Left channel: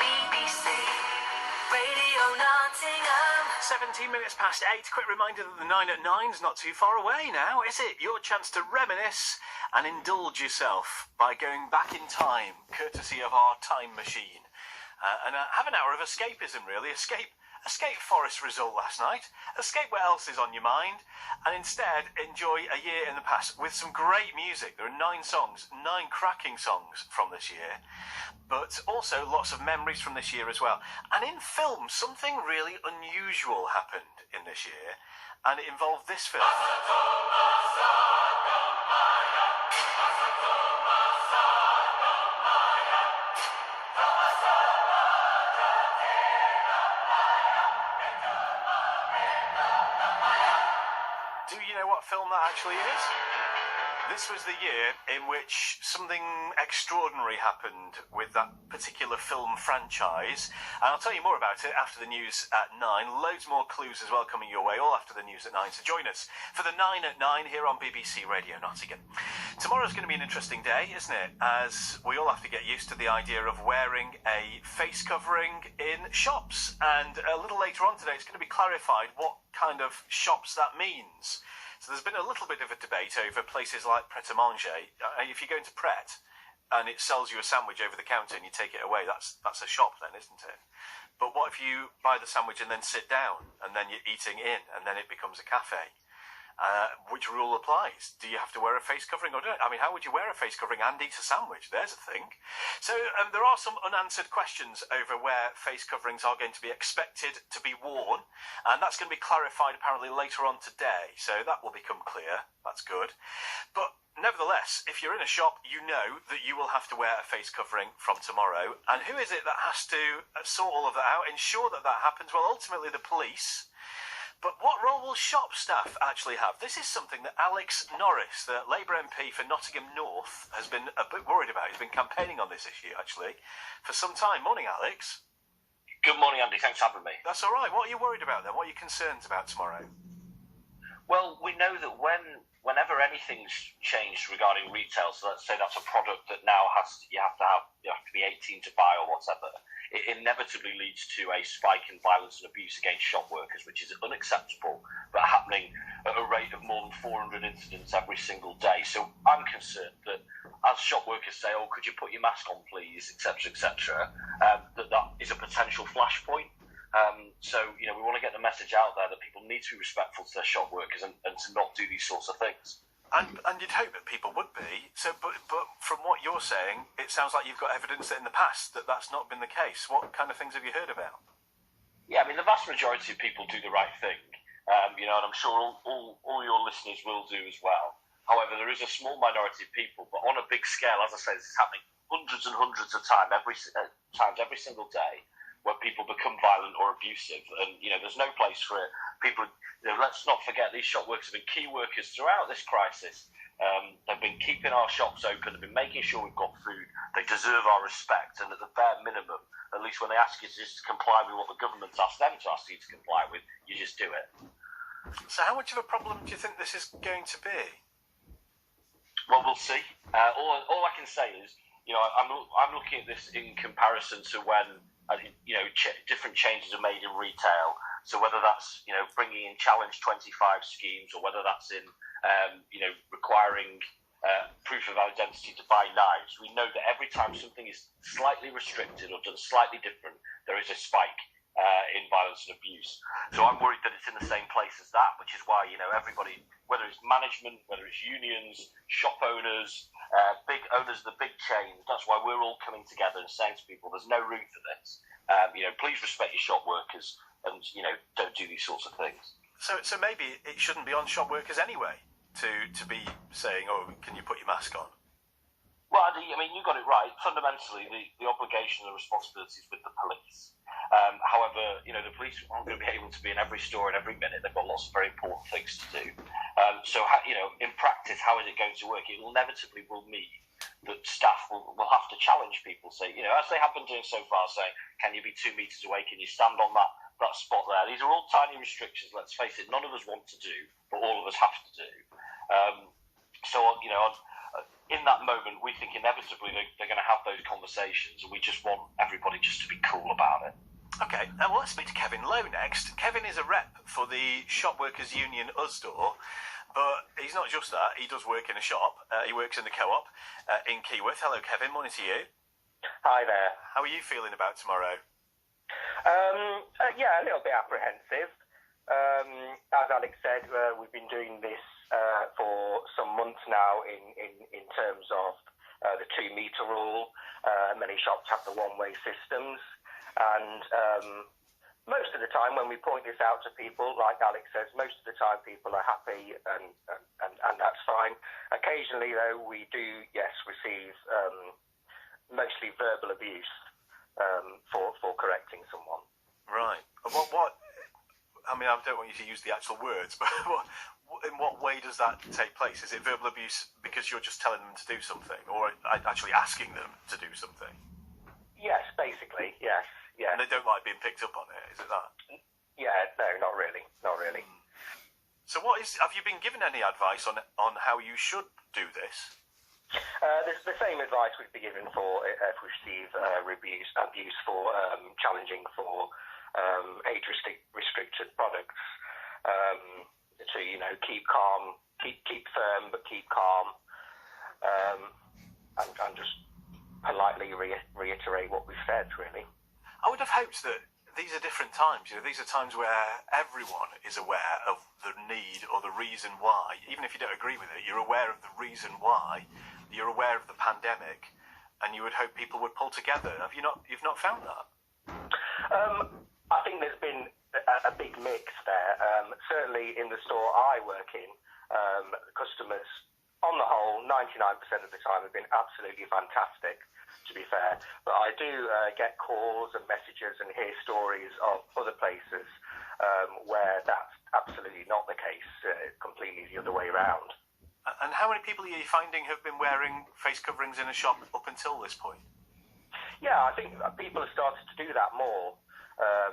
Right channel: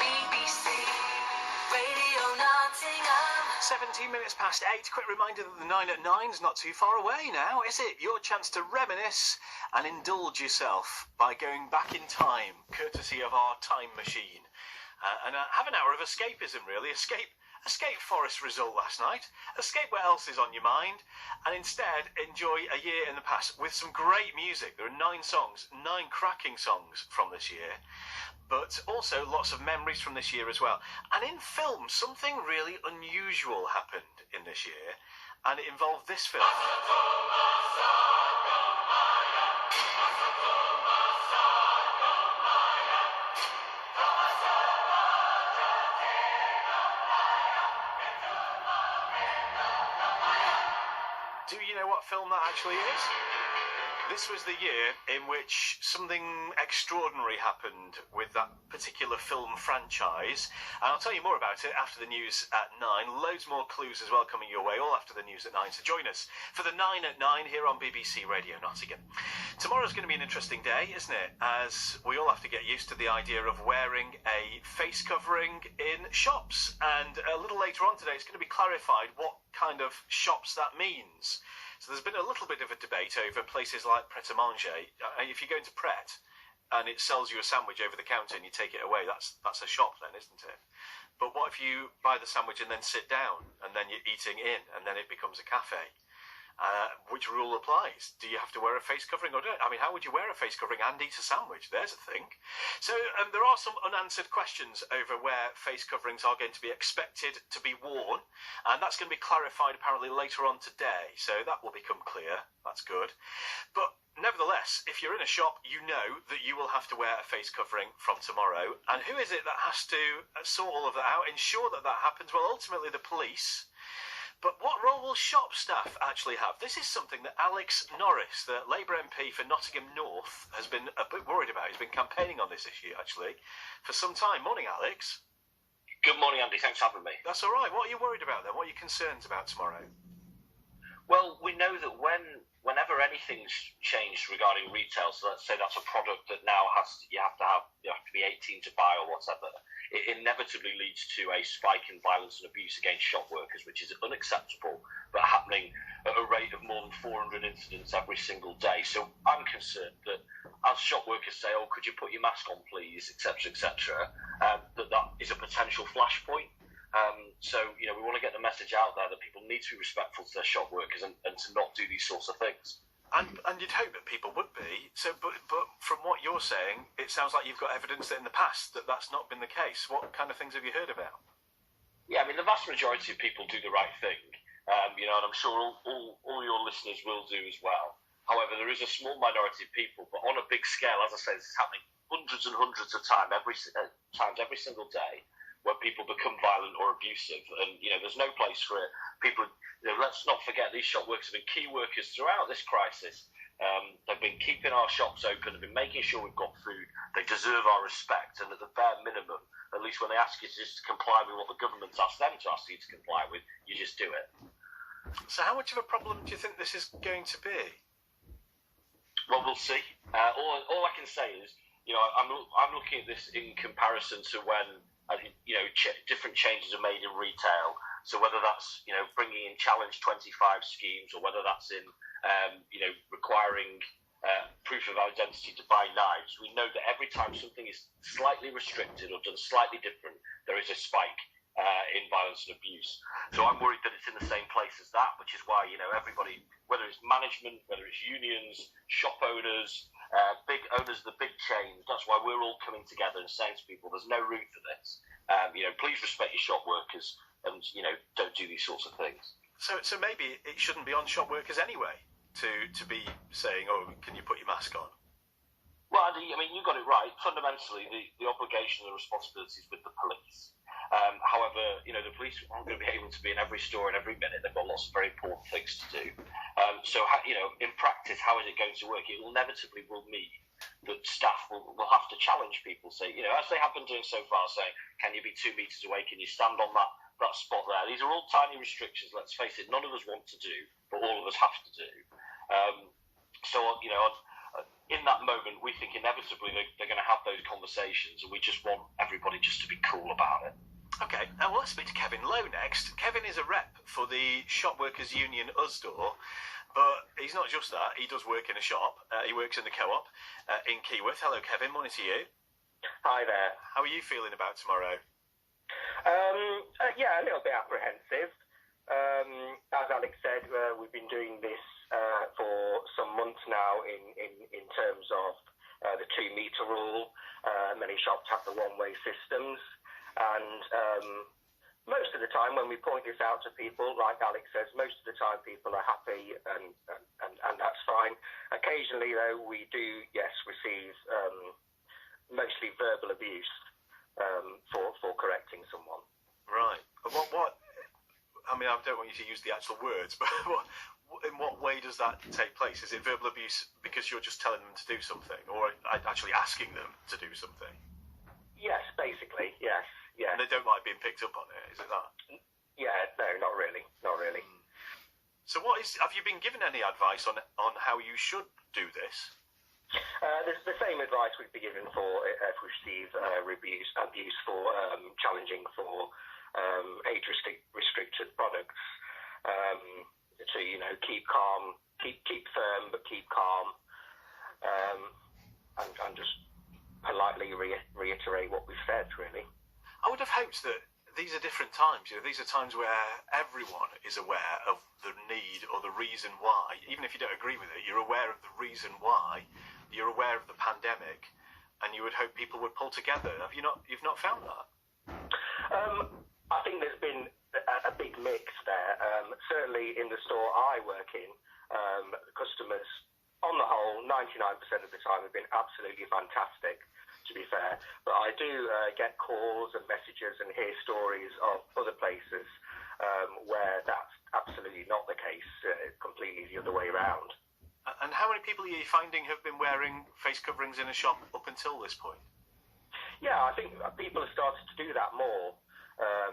BBC Radio Nottingham. 17 minutes past 8. Quick reminder that the 9 at 9's not too far away now, is it? Your chance to reminisce and indulge yourself by going back in time, courtesy of our time machine. And have an hour of escapism, really. Escape Forest result last night. Escape what else is on your mind. And instead, enjoy a year in the past with some great music. There are 9 songs, 9 cracking songs from this year. But also lots of memories from this year as well. And in film, something really unusual happened in this year. And it involved this film. Do you know what film that actually is? This was the year in which something extraordinary happened with that particular film franchise. And I'll tell you more about it after the news at 9. Loads more clues as well coming your way, all after the news at 9. So join us for the 9 at 9 here on BBC Radio Nottingham. Tomorrow's going to be an interesting day, isn't it? As we all have to get used to the idea of wearing a face covering in shops. And a little later on today, it's going to be clarified what kind of shops that means. So there's been a little bit of a debate over places like Pret-a-Manger. If you go into Pret and it sells you a sandwich over the counter and you take it away, that's a shop then, isn't it? But what if you buy the sandwich and then sit down and then you're eating in and then it becomes a cafe? Which rule applies? Do you have to wear a face covering or don't? I mean, how would you wear a face covering and eat a sandwich? There's a thing. So there are some unanswered questions over where face coverings are going to be expected to be worn, and that's going to be clarified apparently later on today. So that will become clear. That's good. But nevertheless, if you're in a shop, you know that you will have to wear a face covering from tomorrow. And who is it that has to sort all of that out, ensure that that happens? Well, ultimately the police. But what role will shop staff actually have? This is something that Alex Norris, the Labour MP for Nottingham North, has been a bit worried about. He's been campaigning on this issue, actually, for some time. Morning, Alex. Good morning, Andy. Thanks for having me. That's all right. What are you worried about then? What are your concerns about tomorrow? Well, we know that whenever anything's changed regarding retail, so let's say that's a product that now you have to be 18 to buy or whatever, it inevitably leads to a spike in violence and abuse against shop workers, which is unacceptable, but happening at a rate of more than 400 incidents every single day. So I'm concerned that as shop workers say, oh, could you put your mask on, please, etc., etc., that is a potential flashpoint. So, we want to get the message out there that people need to be respectful to their shop workers and to not do these sorts of things. And you'd hope that people would be. So, but from what you're saying, it sounds like you've got evidence that in the past that's not been the case. What kind of things have you heard about? Yeah, I mean, the vast majority of people do the right thing, and I'm sure all your listeners will do as well. However, there is a small minority of people, but on a big scale, as I say, this is happening hundreds and hundreds of times every single day, where people become violent or abusive, and there's no place for it. People, let's not forget, these shop workers have been key workers throughout this crisis. They've been keeping our shops open, they've been making sure we've got food. They deserve our respect, and at the bare minimum, at least when they ask you to just comply with what the government's asked them to ask you to comply with, you just do it. So how much of a problem do you think this is going to be? Well, we'll see. All I can say is, I'm looking at this in comparison to when different changes are made in retail. So whether that's bringing in Challenge 25 schemes, or whether that's in requiring proof of identity to buy knives, we know that every time something is slightly restricted or done slightly different, there is a spike in violence and abuse. So I'm worried that it's in the same place as that, which is why everybody, whether it's management, whether it's unions, shop owners, big owners of the big chains, that's why we're all coming together and saying to people, there's no room for this. Please respect your shop workers and don't do these sorts of things. So maybe it shouldn't be on shop workers anyway to be saying, oh, can you put your mask on? Well, Andy, I mean, you got it right. Fundamentally, the obligation and the responsibility is with the police. However, the police aren't going to be able to be in every store and every minute. They've got lots of very important things to do. In practice, how is it going to work? It inevitably will mean that staff will have to challenge people. Say, as they have been doing so far, saying, can you be 2 meters away? Can you stand on that that spot there. These are all tiny restrictions. Let's face it, none of us want to do, but all of us have to do. So in that moment, we think inevitably they're going to have those conversations, and we just want everybody just to be cool about it. Okay, well, let's speak to Kevin Lowe next. Kevin is a rep for the Shop Workers Union Usdaw, but he's not just that. He does work in a shop. He works in the co-op in Keyworth. Hello, Kevin. Morning to you. Hi there. How are you feeling about tomorrow? Yeah, a little bit apprehensive. As Alex said, we've been doing this for some months now in terms of the 2-metre rule. Many shops have the one-way systems. And most of the time when we point this out to people, like Alex says, most of the time people are happy and that's fine. Occasionally, though, we do, yes, receive mostly verbal abuse for correcting someone. Right. What? I mean, I don't want you to use the actual words, but in what way does that take place? Is it verbal abuse because you're just telling them to do something, or actually asking them to do something? Yes, basically, yes. Yeah. And they don't like being picked up on it, is it that? Yeah, no, not really. So have you been given any advice on how you should do this? There's the same advice we'd be given for if we receive abuse for challenging for age-restricted products. To keep calm, keep firm, but keep calm, and just politely reiterate what we've said. Really, I would have hoped that these are different times. These are times where everyone is aware of the need or the reason why. Even if you don't agree with it, you're aware of the reason why. You're aware of the pandemic, and you would hope people would pull together. You've not found that? I think there's been a big mix there. Certainly in the store I work in, customers, on the whole, 99% of the time have been absolutely fantastic, to be fair. But I do get calls and messages and hear stories of other places where that's absolutely not the case, completely the other way around. And how many people are you finding have been wearing face coverings in a shop up until this point? Yeah, I think people have started to do that more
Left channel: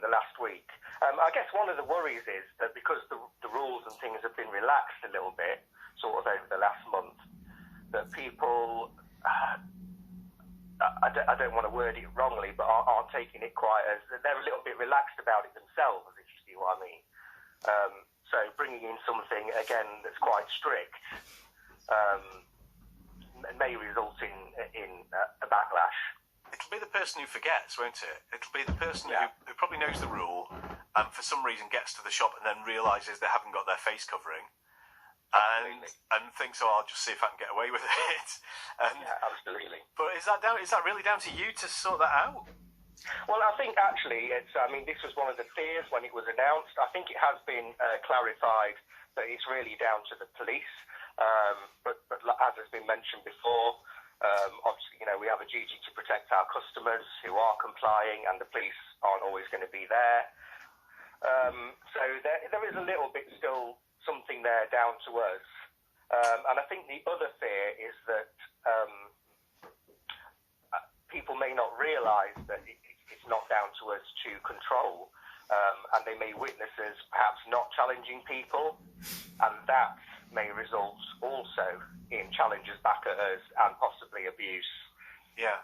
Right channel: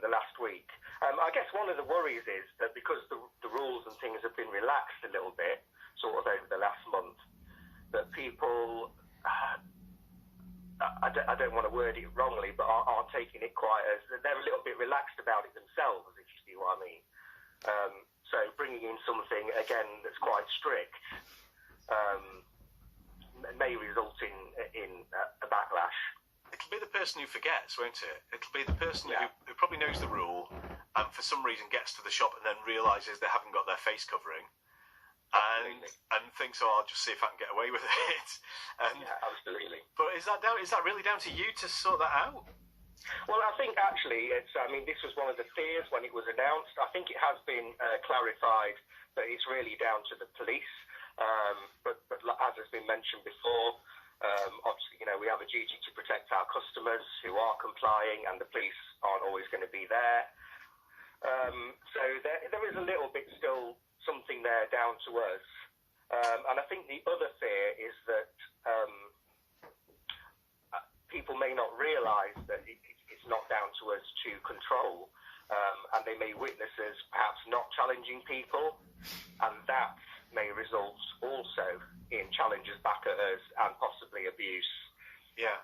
the last week. I guess one of the worries is that because the rules and things have been relaxed a little bit, sort of over the last month, that people, I don't want to word it wrongly, but aren't taking it quite as, they're a little bit relaxed about it themselves, if you see what I mean. So bringing in something, again, that's quite strict may result in a backlash. It'll be the person who forgets, won't it? It'll be the person who probably knows the rule and for some reason gets to the shop and then realises they haven't got their face covering and thinks, I'll just see if I can get away with it. Yeah, absolutely. But is that really down to you to sort that out? Well, I think actually this was one of the fears when it was announced. I think it has been clarified that it's really down to the police. But as has been mentioned before, obviously, we have a duty to protect our customers who are complying, and the police aren't always going to be there. So there is a little bit still something there down to us. And I think the other fear is that people may not realise that it's not down to us to control, and they may witness us perhaps not challenging people, and that may result also in challenges back at us and possibly abuse. Yeah.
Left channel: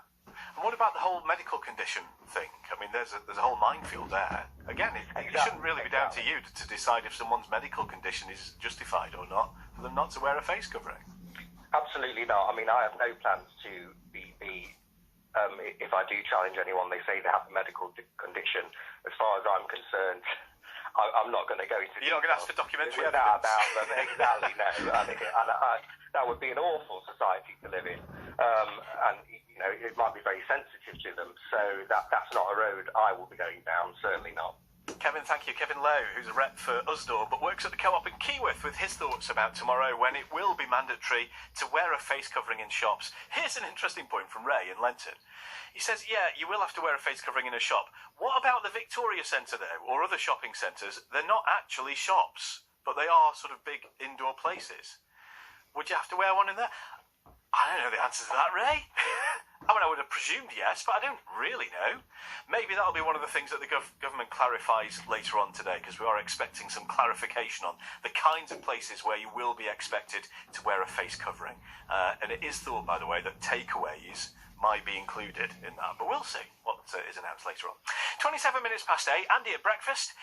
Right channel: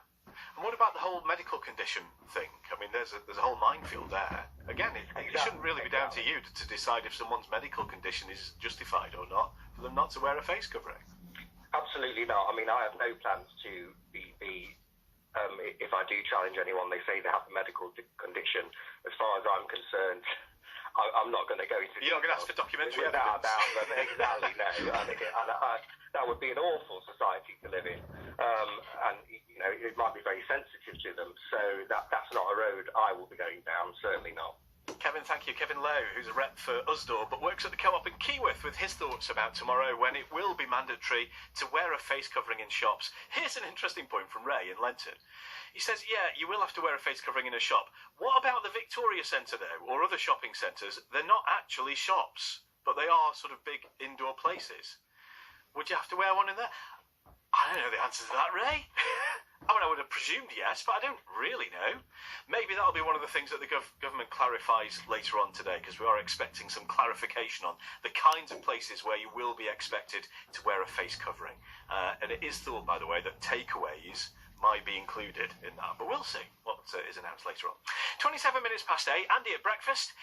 And what about the whole medical condition thing? I mean, there's a whole minefield there. Again, it shouldn't really be down to you to decide if someone's medical condition is justified or not for them not to wear a face covering. Absolutely not. I mean, I have no plans to be if I do challenge anyone, they say they have a medical condition. As far as I'm concerned, I'm not going to go into You're not going to ask for documentary evidence about them. Exactly, no. That would be an awful society to live in. And it might be very sensitive to them. So that's not a road I will be going down, certainly not. Kevin, thank you. Kevin Lowe, who's a rep for Usdaw, but works at the co-op in Keyworth, with his thoughts about tomorrow when it will be mandatory to wear a face covering in shops. Here's an interesting point from Ray in Lenton. He says, yeah, you will have to wear a face covering in a shop. What about the Victoria Centre, though, or other shopping centres? They're not actually shops, but they are sort of big indoor places. Would you have to wear one in there? I don't know the answer to that, Ray. I mean, I would have presumed yes, but I don't really know. Maybe that'll be one of the things that the government clarifies later on today, because we are expecting some clarification on the kinds of places where you will be expected to wear a face covering. And it is thought, by the way, that takeaways might be included in that, but we'll see what is announced later on. 27 minutes past 8, Andy at breakfast.